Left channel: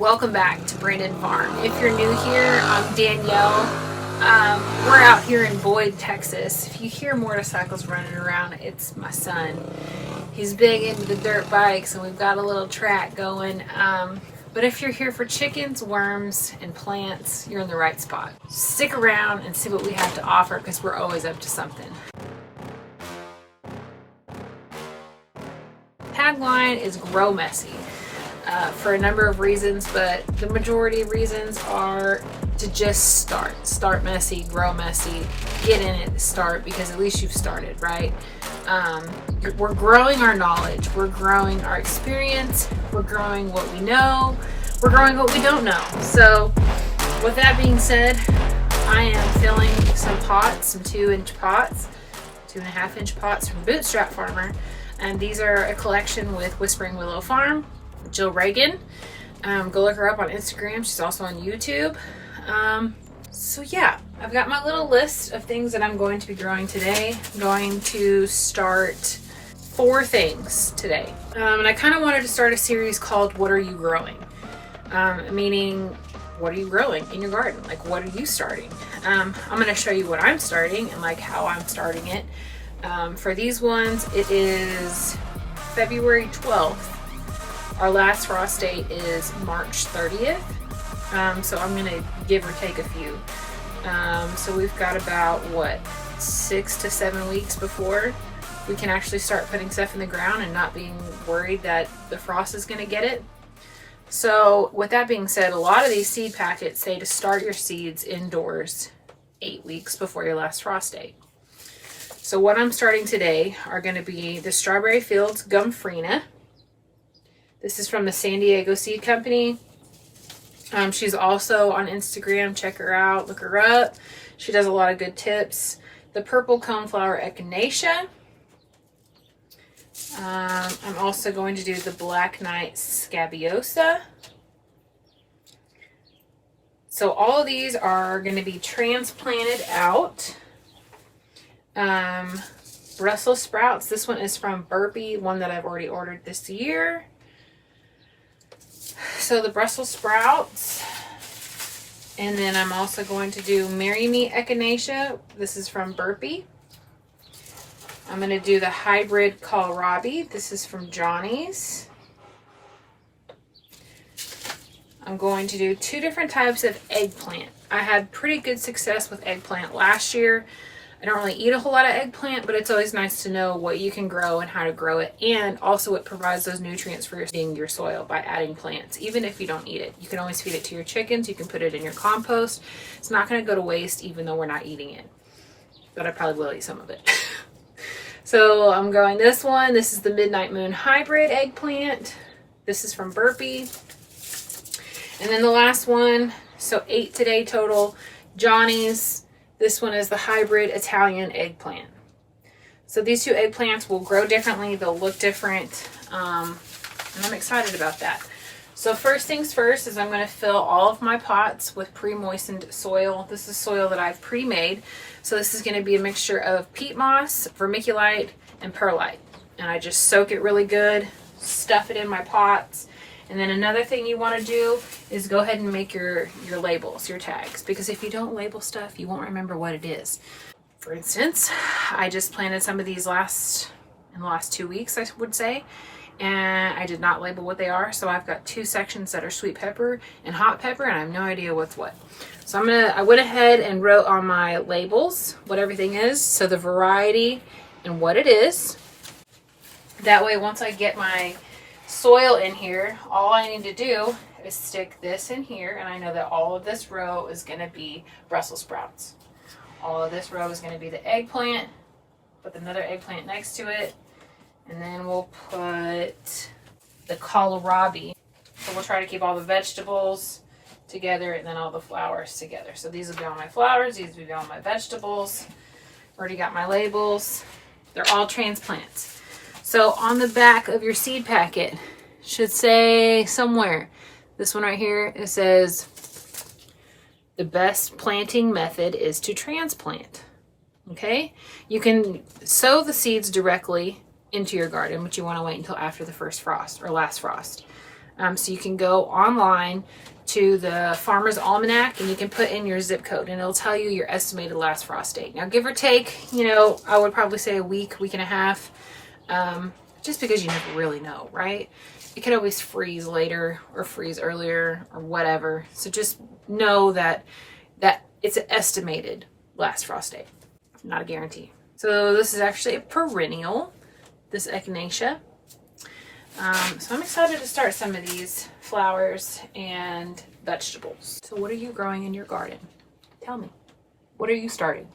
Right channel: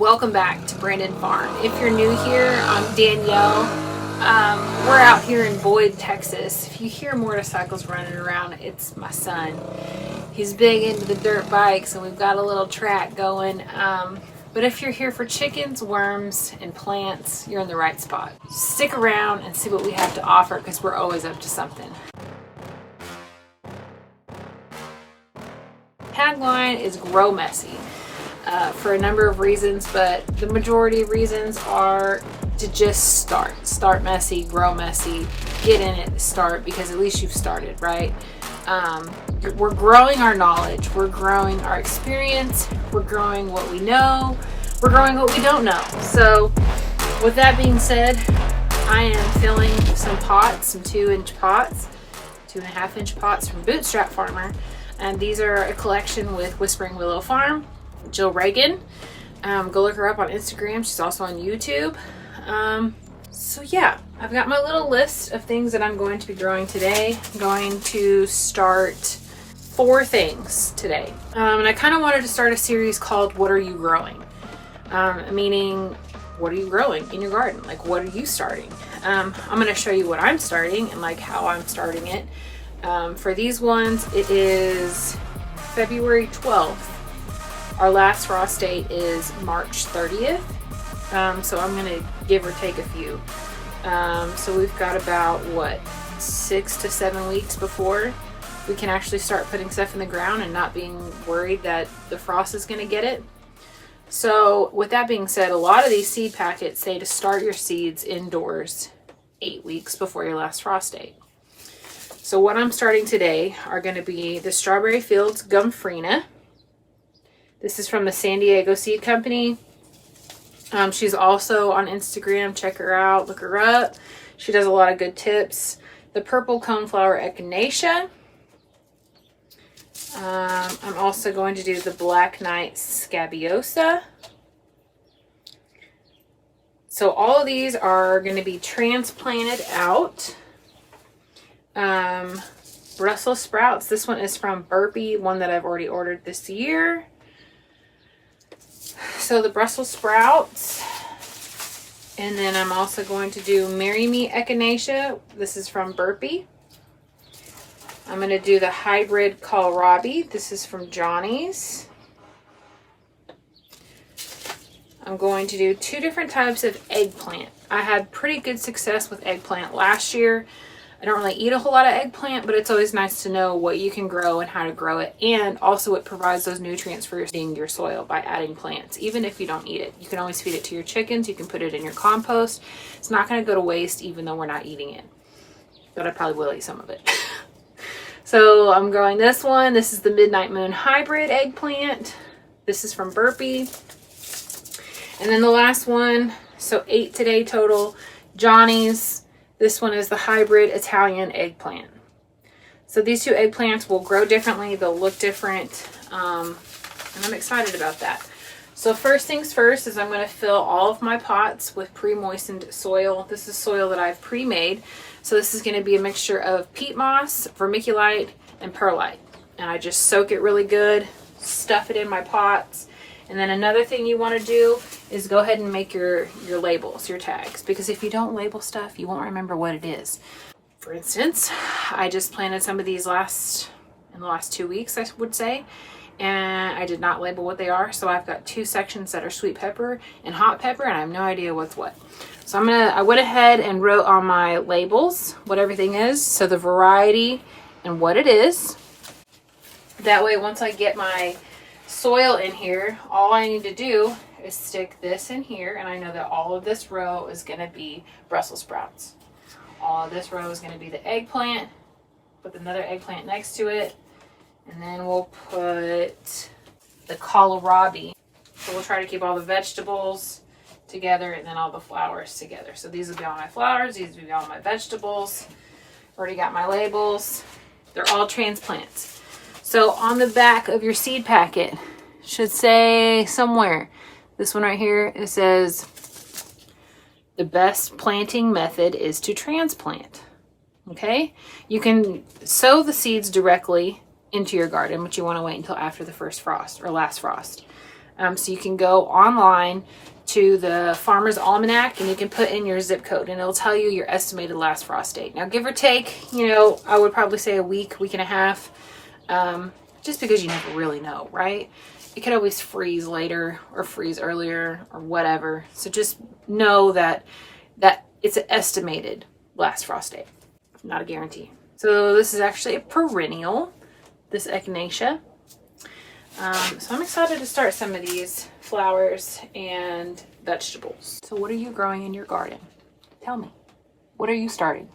Welcome back to Brandon Farm. If you're new here, I'm Danielle. We're out here in Boyd, Texas. If you hear motorcycles running around, it's my son. He's big into the dirt bikes and we've got a little track going. But if you're here for chickens, worms, and plants, you're in the right spot. Stick around and see what we have to offer because we're always up to something. Tagline is grow messy. For a number of reasons, but the majority of reasons are to just start. Start messy, grow messy, get in it, start, because at least you've started, right? We're growing our knowledge, we're growing our experience, we're growing what we know, we're growing what we don't know. So with that being said, I am filling some pots, some 2-inch pots, 2.5-inch pots from Bootstrap Farmer. And these are a collection with Whispering Willow Farm, Jill Reagan. Go look her up on Instagram. She's also on YouTube. So yeah, I've got my little list of things that I'm going to be growing today. I'm going to start 4 things today. And I kind of wanted to start a series called What Are You Growing? Meaning, what are you growing in your garden? Like, what are you starting? I'm going to show you what I'm starting and like how I'm starting it. For these ones, it is February 12th. Our last frost date is March 30th. So I'm going to give or take a few. So we've got about, 6 to 7 weeks before we can actually start putting stuff in the ground and not being worried that the frost is going to get it. So with that being said, a lot of these seed packets say to start your seeds indoors 8 weeks before your last frost date. So what I'm starting today are going to be the Strawberry Fields Gumfrina. This is from the San Diego Seed Company. She's also on Instagram. Check her out. Look her up. She does a lot of good tips. The Purple Coneflower Echinacea. I'm also going to do the Black Knight Scabiosa. So all of these are going to be transplanted out. Brussels sprouts. This one is from Burpee, one that I've already ordered this year. So the Brussels sprouts. And then I'm also going to do Marry Me Echinacea. This is from Burpee. I'm going to do the hybrid kohlrabi. This is from Johnny's. I'm going to do 2 different types of eggplant. I had pretty good success with eggplant last year. I don't really eat a whole lot of eggplant, but it's always nice to know what you can grow and how to grow it. And also it provides those nutrients for your soil by adding plants. Even if you don't eat it, you can always feed it to your chickens. You can put it in your compost. It's not going to go to waste even though we're not eating it. But I probably will eat some of it. So I'm growing this one. This is the Midnight Moon Hybrid Eggplant. This is from Burpee. And then the last one, so 8 today total, Johnny's. This one is the hybrid Italian eggplant. So these 2 eggplants will grow differently. They'll look different. And I'm excited about that. So first things first is I'm going to fill all of my pots with pre-moistened soil. This is soil that I've pre-made. So this is going to be a mixture of peat moss, vermiculite, and perlite. And I just soak it really good, stuff it in my pots. And then another thing you want to do is go ahead and make your labels, your tags. Because if you don't label stuff, you won't remember what it is. For instance, I just planted some of these in the last 2 weeks, I would say. And I did not label what they are. So I've got 2 sections that are sweet pepper and hot pepper, and I have no idea what's what. So I went ahead and wrote on my labels what everything is. So the variety and what it is. That way, once I get my soil in here, all I need to do is stick this in here, and I know that all of this row is going to be Brussels sprouts. All of this row is going to be the eggplant, with another eggplant next to it, and then we'll put the kohlrabi. So we'll try to keep all the vegetables together and then all the flowers together. So these will be all my flowers, these will be all my vegetables. Already got my labels. They're all transplants. So on the back of your seed packet should say somewhere, this one right here, it says the best planting method is to transplant. Okay? You can sow the seeds directly into your garden, but you want to wait until after the first frost or last frost. So you can go online to the Farmer's Almanac and you can put in your zip code and it'll tell you your estimated last frost date. Now, give or take, you know, I would probably say a week, week and a half, just because you never really know, right? It could always freeze later or freeze earlier or whatever. So just know that it's an estimated last frost date, not a guarantee. So this is actually a perennial, this echinacea. So I'm excited to start some of these flowers and vegetables. So what are you growing in your garden? Tell me. What are you starting?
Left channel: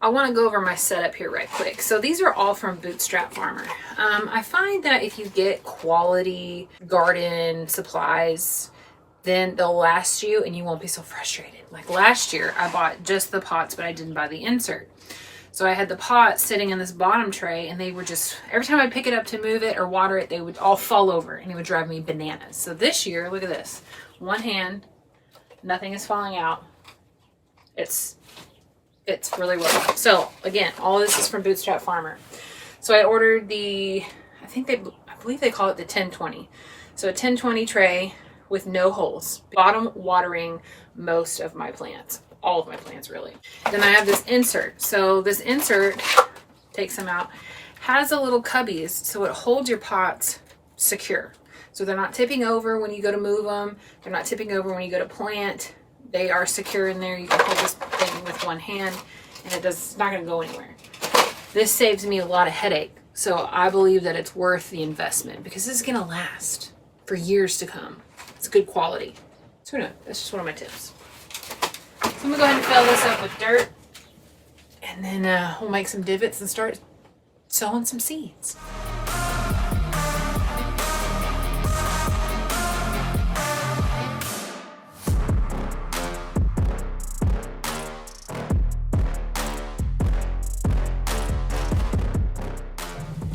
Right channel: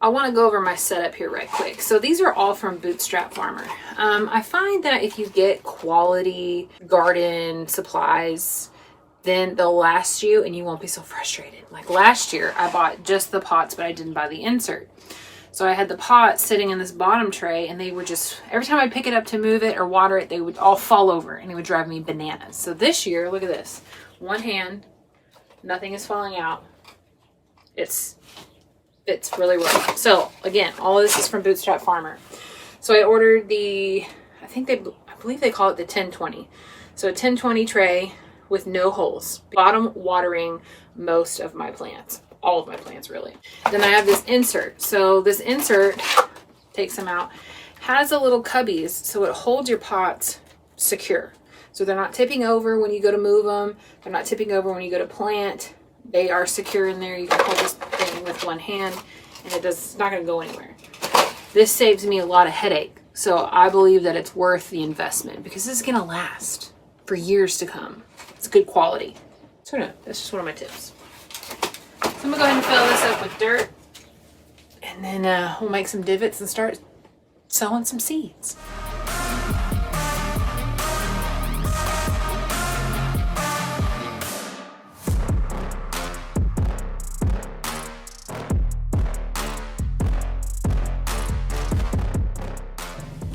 I want to go over my setup here right quick. So these are all from Bootstrap Farmer. I find that if you get quality garden supplies, then they'll last you and you won't be so frustrated. Like last year, I bought just the pots, but I didn't buy the insert. So I had the pot sitting in this bottom tray and they would just, every time I pick it up to move it or water it, they would all fall over and it would drive me bananas. So this year, look at this. One hand, nothing is falling out. It's really working. So again, all this is from Bootstrap Farmer. So I ordered I believe they call it the 1020. So a 1020 tray with no holes. Bottom watering most of my plants. All of my plants really. Then I have this insert. So this insert, takes them out, has a little cubbies so it holds your pots secure. So they're not tipping over when you go to move them. They're not tipping over when you go to plant. They are secure in there. You can hold this thing with one hand and it's not going to go anywhere. This saves me a lot of headache. So I believe that it's worth the investment because this is going to last for years to come. It's good quality. So no, that's just one of my tips. So I'm gonna go ahead and fill this up with dirt and then we'll make some divots and start sowing some seeds.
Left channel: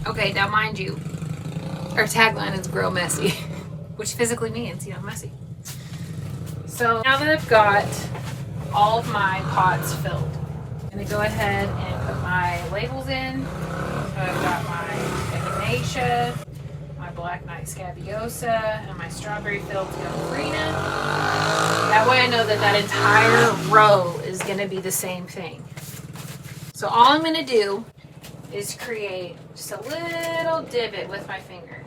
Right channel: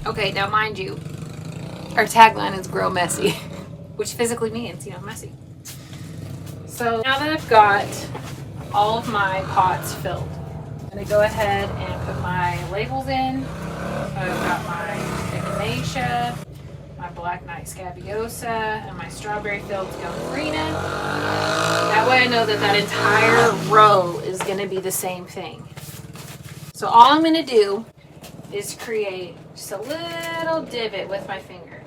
Okay, now mind you, our tagline is grow messy, which physically means, you know, messy. So now that I've got all of my pots filled, I'm gonna go ahead and put my labels in. So I've got my echinacea, my black knight scabiosa, and my strawberry fields gambrinina. That way I know that that entire row is gonna be the same thing. So all I'm gonna do is create just a little divot with my finger.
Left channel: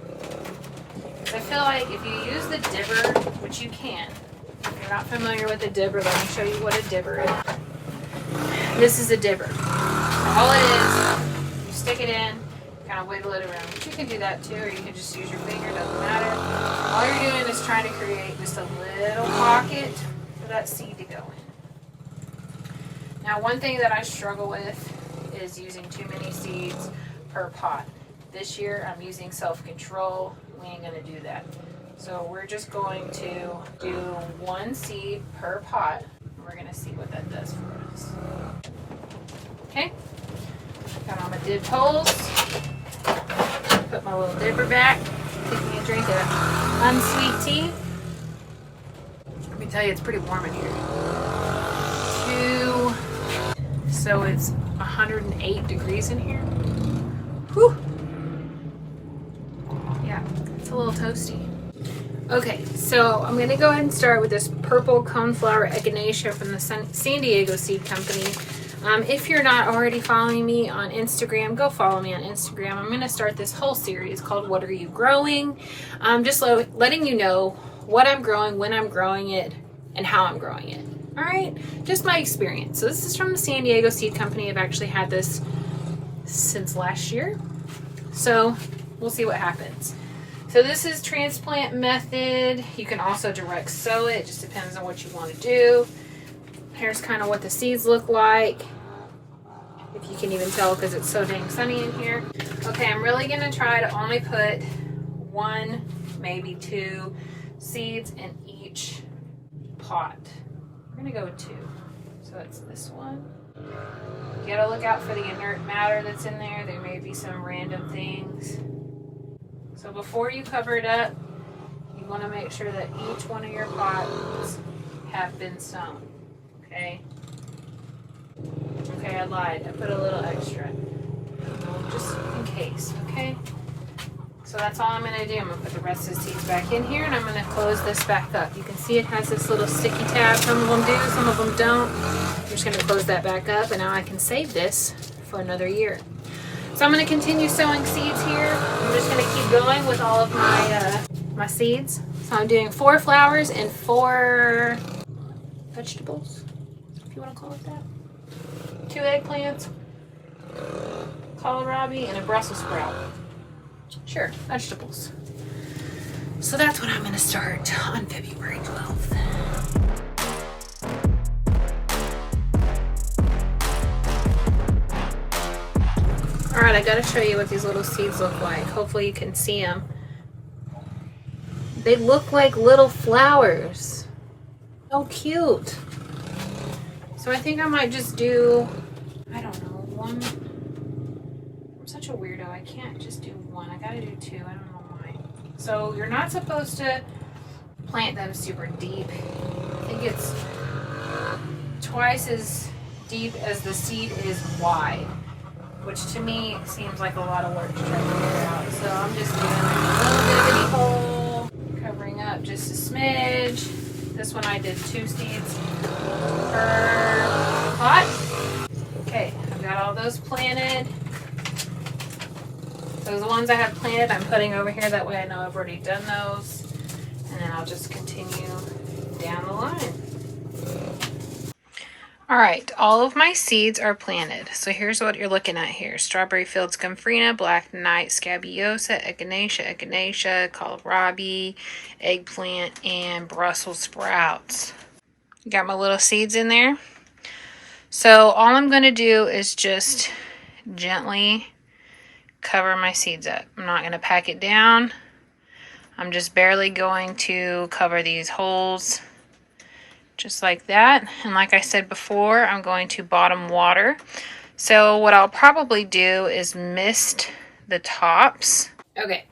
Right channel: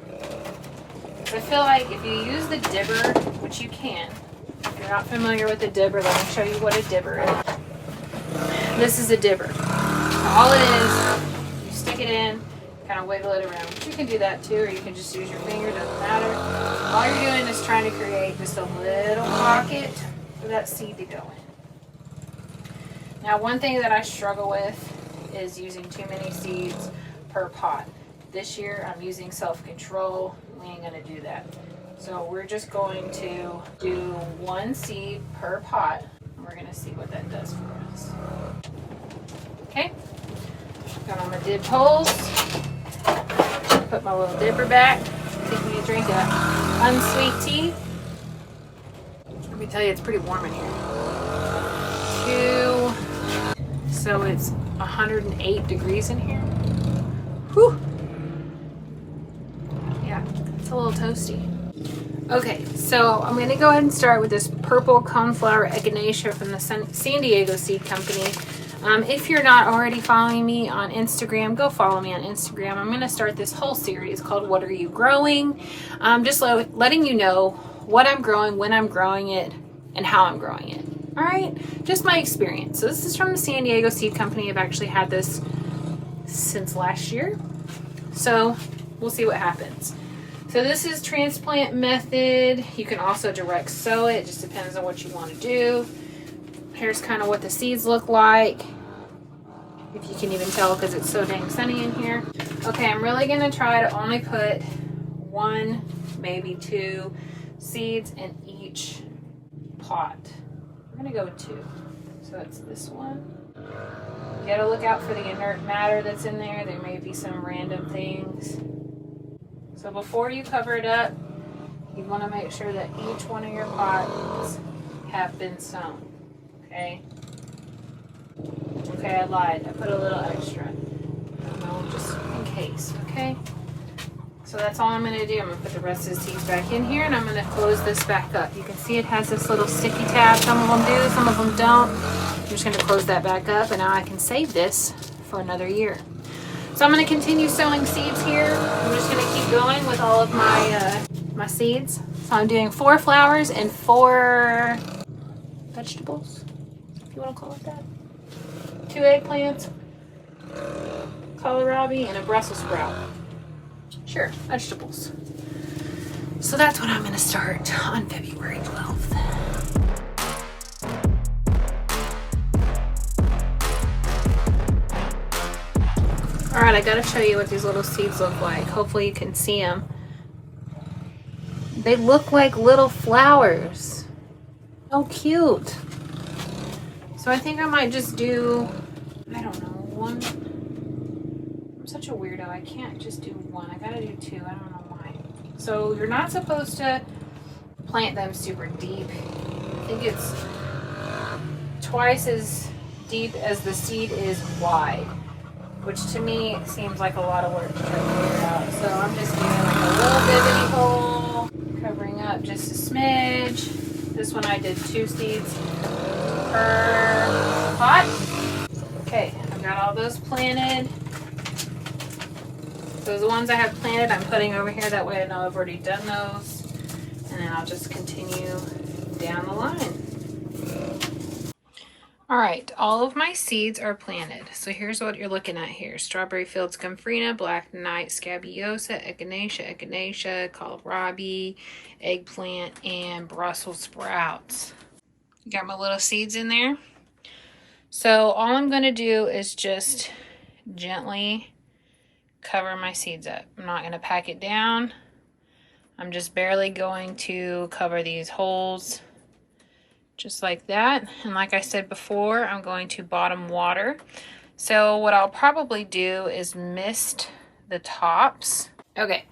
I feel like if you use the dibber, which you can, if you're not familiar with a dibber, let me show you what a dibber is. This is a dibber. So all it is, you stick it in, kind of wiggle it around. But you can do that too, or you can just use your finger, doesn't matter. All you're doing is trying to create just a little pocket for that seed to go in. Now, one thing that I struggle with is using too many seeds per pot. This year, I'm using self-control. We ain't gonna do that. So we're just going to do one seed per pot. We're gonna see what that does for us. Okay, got on my dibbed holes. Put my little dibber back. Taking a drink of unsweet tea. Let me tell you, it's pretty warm in here. So it's 108 degrees in here. Whew. Yeah, it's a little toasty. Okay, so I'm going to go ahead and start with this purple coneflower echinacea from the San Diego Seed Company. If you're not already following me on Instagram, go follow me on Instagram. I'm going to start this whole series called What Are You Growing? Just letting you know what I'm growing, when I'm growing it, and how I'm growing it. All right, just my experience. So this is from the San Diego Seed Company. I've actually had this since last year. So we'll see what happens. So this is transplant method. You can also direct sow it. It just depends on what you want to do. Here's kind of what the seeds look like. If you can even tell because it's so dang sunny in here. Okay, I'm really going to try to only put 1, maybe 2 seeds in each pot. We're going to go with 2. So it's this one. You got to look out for the inert matter that's in there. There may be some random things. So before you cover it up, you want to make sure that each one of your pots have been sown. Okay? Okay, I lied. I put a little extra. Just in case, okay? So that's all I'm going to do. I'm going to put the rest of the seeds back in here, and I'm going to close this back up. You can see it has this little sticky tab. Some of them do, some of them don't. I'm just going to close that back up, and now I can save this for another year. So I'm going to continue sowing seeds here. I'm just going to keep going with all of my my seeds. So I'm doing 4 flowers and 4 vegetables, if you want to call it that. 2 eggplants, kohlrabi, and a Brussels sprout. Sure, vegetables. So that's what I'm going to start on February 12th. All right, I got to show you what these little seeds look like. Hopefully you can see them. They look like little flowers. So cute. So I think I might just do, I don't know, 1. I'm such a weirdo. I can't just do 1. I gotta do 2. I don't know why. So you're not supposed to plant them super deep. I think it's twice as deep as the seed is wide, which to me seems like a lot of work to try to figure out. So I'm just doing like a little bitty hole, covering up just a smidge. This one I did 2 seeds per pot. Okay, I've got all those planted. Those ones I have planted, I'm putting over here. That way I know I've already done those. And then I'll just continue down the line. All right, all of my seeds are planted. So here's what you're looking at here. Strawberry Fields Gomphrena, Black Knight Scabiosa, Echinacea, kohlrabi, eggplant, and Brussels sprouts. Got my little seeds in there. So all I'm going to do is just gently cover my seeds up. I'm not going to pack it down. I'm just barely going to cover these holes. Just like that. And like I said before, I'm going to bottom water. So what I'll probably do is mist the tops. Okay,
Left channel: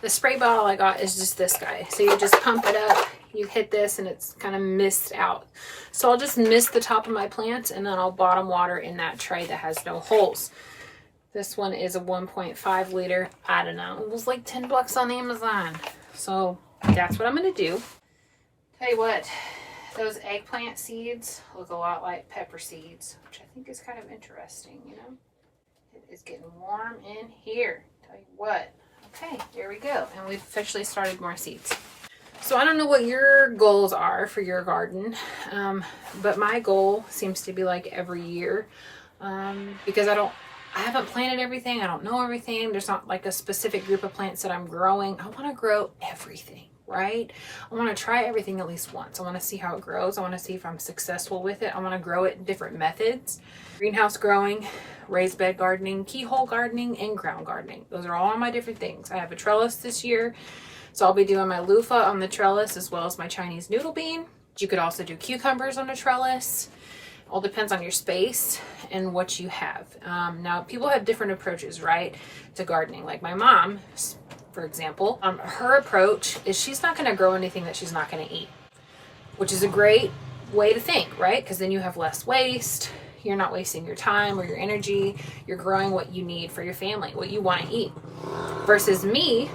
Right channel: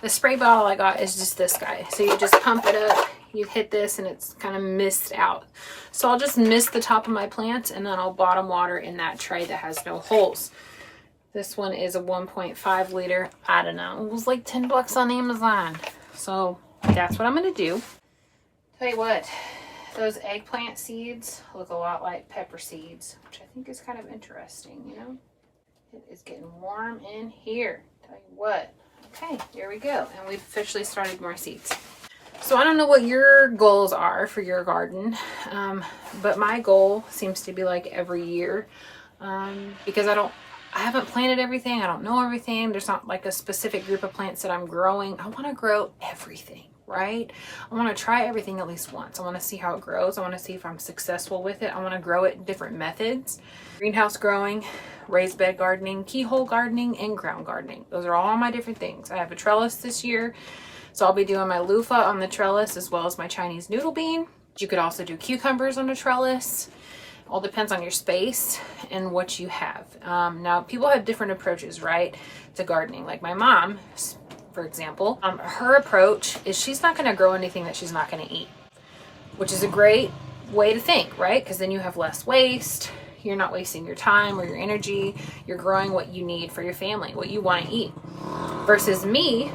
the spray bottle I got is just this guy. So you just pump it up, you hit this, and it's kind of mist out. So I'll just mist the top of my plants, and then I'll bottom water in that tray that has no holes. This one is a 1.5 liter. I don't know, it was like 10 bucks on Amazon. So that's what I'm gonna do. Tell you what, those eggplant seeds look a lot like pepper seeds, which I think is kind of interesting, you know? It is getting warm in here. Tell you what. Okay, here we go. And we've officially started more seeds. So I don't know what your goals are for your garden, but my goal seems to be like every year, because I haven't planted everything. I don't know everything. There's not like a specific group of plants that I'm growing. I want to grow everything. Right? I want to try everything at least once. I want to see how it grows. I want to see if I'm successful with it. I want to grow it in different methods. Greenhouse growing, raised bed gardening, keyhole gardening, and ground gardening. Those are all my different things. I have a trellis this year, so I'll be doing my loofah on the trellis as well as my Chinese noodle bean. You could also do cucumbers on a trellis. All depends on your space and what you have. Now, people have different approaches, right, to gardening. Like my mom, for example, her approach is she's not going to grow anything that she's not going to eat, which is a great way to think, right? Because then you have less waste. You're not wasting your time or your energy. You're growing what you need for your family, what you want to eat. Versus me,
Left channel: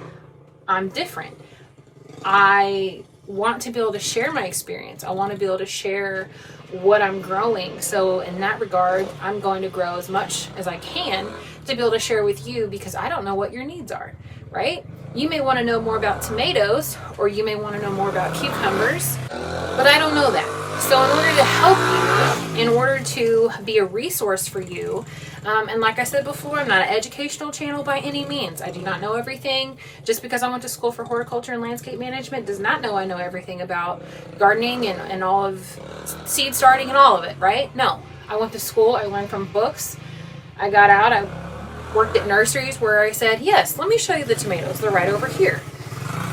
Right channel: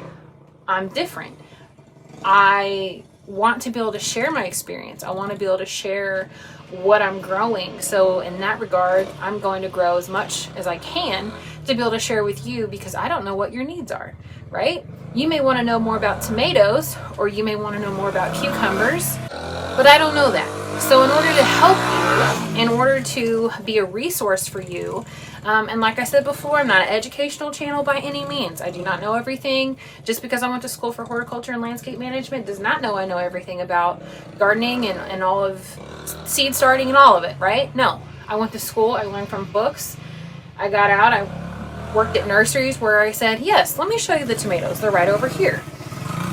I'm different. I want to be able to share my experience. I want to be able to share what I'm growing. So in that regard, I'm going to grow as much as I can to be able to share with you, because I don't know what your needs are. Right? You may want to know more about tomatoes, or you may want to know more about cucumbers, but I don't know that. So in order to help you, in order to be a resource for you, and like I said before, I'm not an educational channel by any means. I do not know everything. Just because I went to school for horticulture and landscape management does not know I know everything about gardening and all of seed starting and all of it, right? No, I went to school, I learned from books, I got out, I worked at nurseries where I said, yes, let me show you the tomatoes. They're right over here.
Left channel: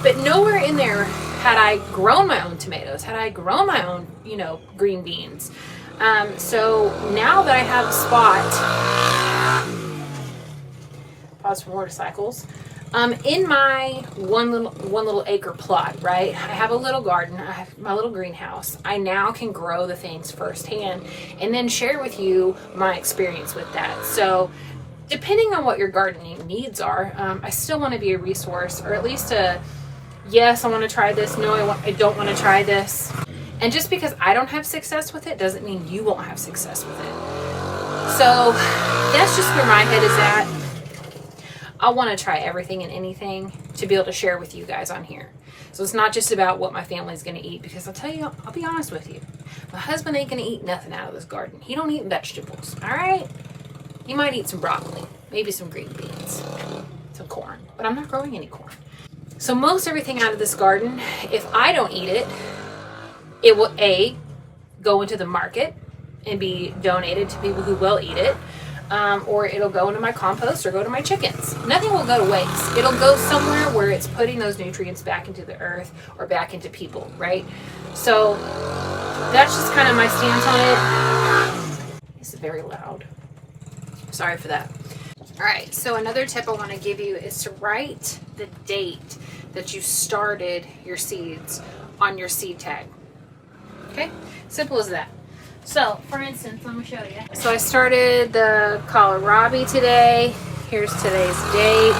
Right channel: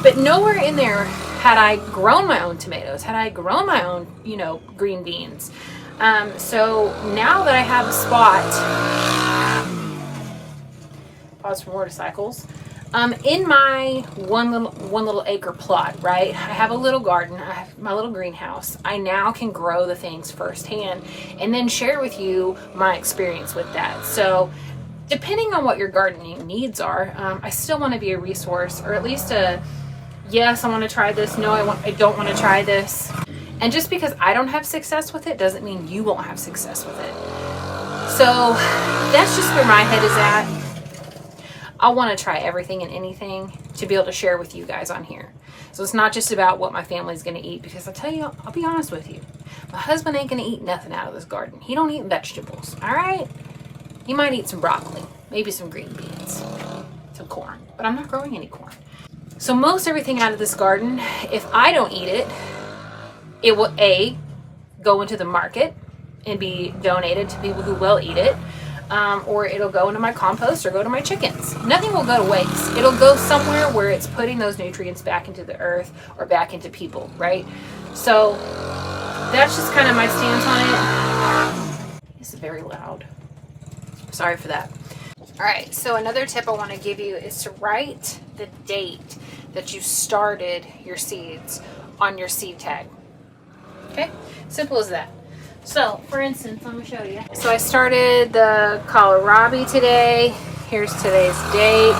But nowhere in there had I grown my own tomatoes, had I grown my own, green beans. So now that I have a spot, pause for motorcycles, in my one little acre plot, right? I have a little garden, I have my little greenhouse. I now can grow the things firsthand and then share with you my experience with that. So depending on what your gardening needs are, I still want to be a resource, or at least a, yes, I want to try this. No, I don't want to try this. And just because I don't have success with it doesn't mean you won't have success with it. So that's just where my head is at. I want to try everything and anything to be able to share with you guys on here. So it's not just about what my family's going to eat, because I'll be honest with you. My husband ain't going to eat nothing out of this garden. He don't eat vegetables, all right? He might eat some broccoli, maybe some green beans, some corn, but I'm not growing any corn. So most everything out of this garden, if I don't eat it, it will A, go into the market and be donated to people who will eat it, or it'll go into my compost or go to my chickens. Nothing will go to waste. It'll go somewhere where it's putting those nutrients back into the earth or back into people, right? So that's just kind of my stance on it. It's very loud. Sorry for that. All right, so another tip I want to give you is to write the date that you started your seeds on your seed tag. Okay, simple as that. So, for instance, let me show you. So I started the kohlrabi today. Here's today's date.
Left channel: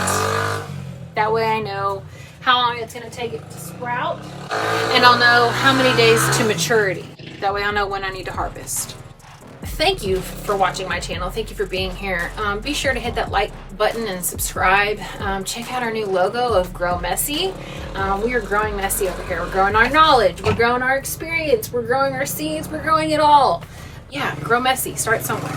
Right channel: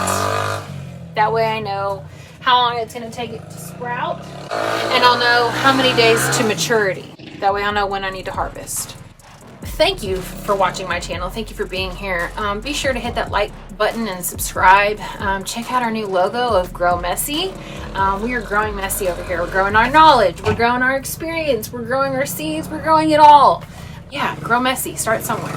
That way I know how long it's going to take it to sprout, and I'll know how many days to maturity. That way I'll know when I need to harvest. Thank you for watching my channel. Thank you for being here. Be sure to hit that like button and subscribe. Check out our new logo of Grow Messy. We are growing messy over here. We're growing our knowledge. We're growing our experience. We're growing our seeds. We're growing it all. Yeah, grow messy. Start somewhere.